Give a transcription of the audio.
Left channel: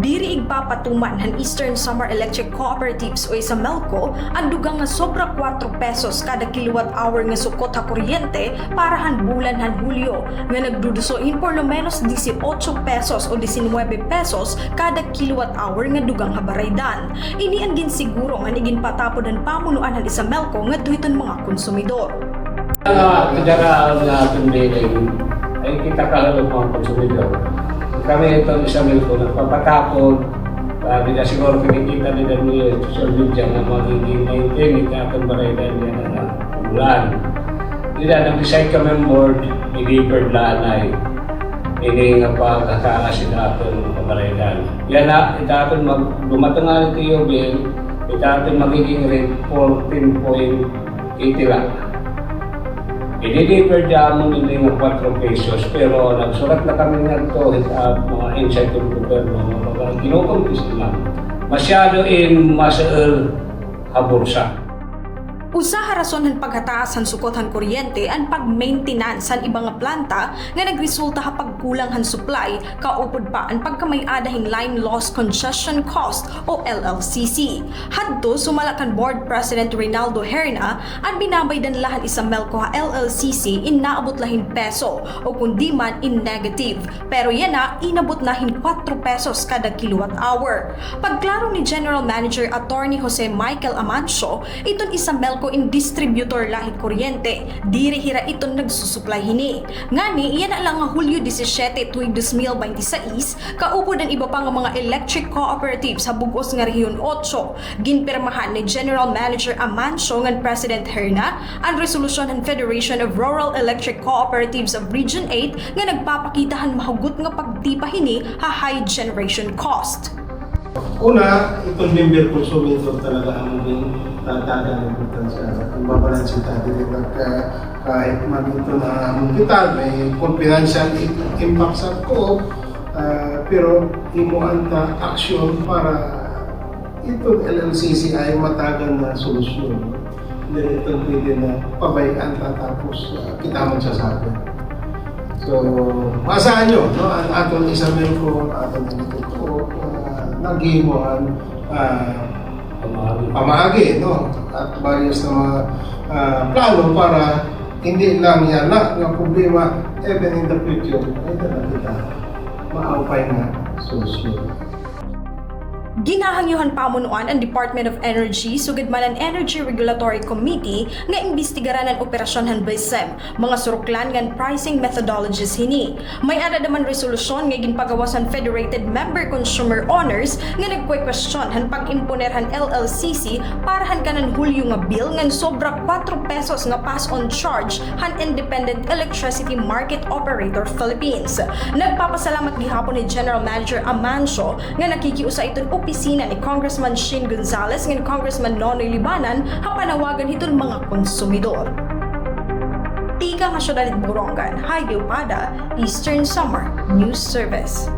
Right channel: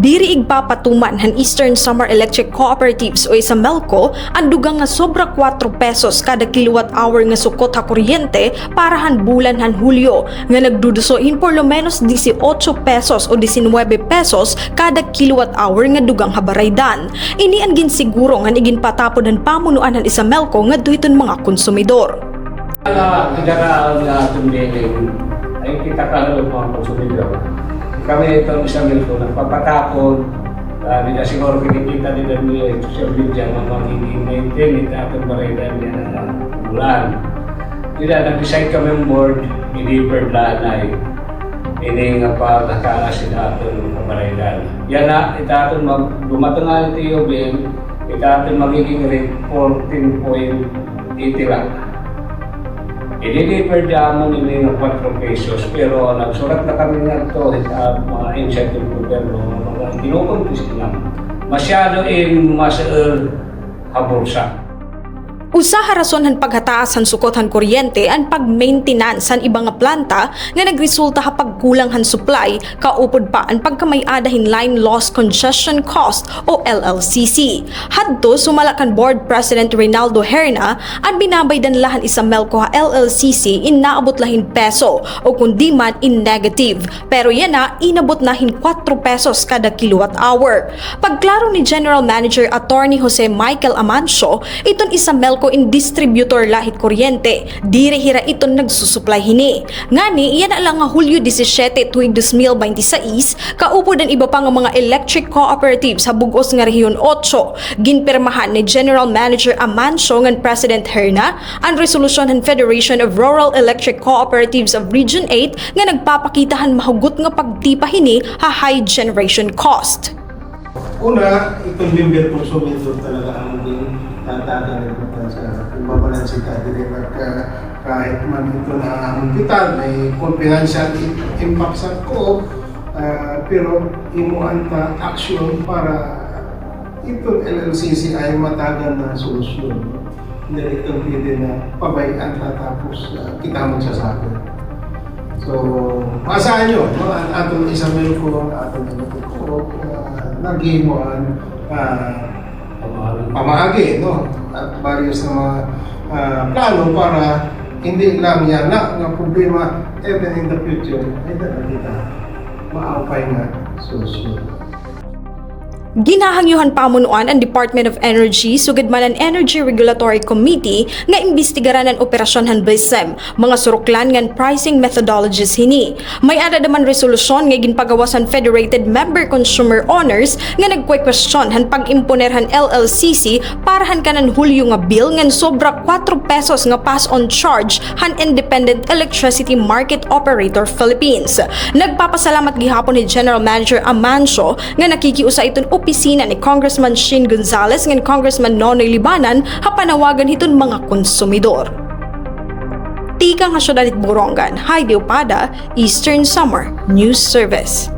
Diri igpapatuman han Eastern Samar Electric Cooperatives o isa Melco ang dugang nga sobra 4 pesos kada kilowatt hour nga sukot ha kuryente para han bulan han Hulyo nga nagdudusoin por lo menos 18 pesos o 19 pesos kada kilowatt hour nga dugang habaraydan. Ini ang ginsiguro nga iginpatapon han pamunuan han isa Melco nga duhiton mga konsumidor. Kadaraan na tumbiling ay kita kalalo mga konsumidor. Kami itong isang Melco nagpapatapon, di na siguro kinikita din na yung social media na magiging maintain itong baraydan yan na bulan. Di na nag-decide kami ang board, i-deferred lanay. Ini nga pagkakala sila itong baraydan. Yan na, itatong lumatungan ito yung bill, itatong magiging rate 14.80 lang. I-deliver mo nila ng 4 pesos pero nagsulat na kami nga ito sa mga inside ng gobyerno mga kinukumpis lang. Masyado masaal habursa. Usa ha rason han paghataas han sukot han kuryente ang pag-maintenance han ibang nga planta nga nagresulta ha pagkulang han supply kaupod pa ang pagkamay-adahin line loss congestion cost o LLCC. Hadto sumala kan board president Reynaldo Herna ang binabaydan lahan isa Melco ha LLCC in naabot lahin peso o kundi man in negative pero yan na inabot nahin 4 pesos kada kilowatt hour. Pagklaro ni General Manager Attorney Jose Michael Amancio, iton isa Melco in distributor lahit kuryente, dire hira iton nagsusupply hini. Ngani, iyan lang nga Hulyo 17 tuig 2026, kaupod ang iba pa nga mga electric cooperatives sa bugos nga Rehiyon 8. Ginpirmahan ni General Manager Amancio ngan President Herna ang resolusyon ng Federation of Rural Electric Cooperatives of Region 8 nga nagpapakitahan mahugot nga pagtipa hini ha high generation cost. Una, itong member consumidor talaga ang maging tatagang importansya sa pagbabalansin natin kahit man ito na muntitan, may financial impact sa ko, pero imuan ta action para itong LLCC ay matagan na solusyon. Hindi itong pwede na pabayaan tatapos kita magsasabi. So, maasahan nyo, no? Ang atong isa Melco, ang atong ko, nagimuan pamahagi, no? At various na mga plano para hindi lang yan na problema even in the future ay kita maaupay na solusyon. Ginahangyuhan pamunuan ang Department of Energy sugad man ang Energy Regulatory Committee nga imbestigaran ang operasyon han BSEM, mga suruklan ngan pricing methodologies hini. May ada naman resolusyon nga ginpagawasan Federated Member Consumer Owners nga nagkwe-question han pag-imponer han LLCC para han kanan Hulyo nga bill ngan sobra 4 pesos nga pass on charge han Independent Electricity Market Operator Philippines. Nagpapasalamat gihapon ni General Manager Amancio nga nakikiusa iton opisina ni Congressman Shin Gonzales ng Congressman Nonoy Libanan hapanawagan hiton mga konsumidor. Tika nga Syudad Borongan, Heidi Opada, Eastern Samar News Service.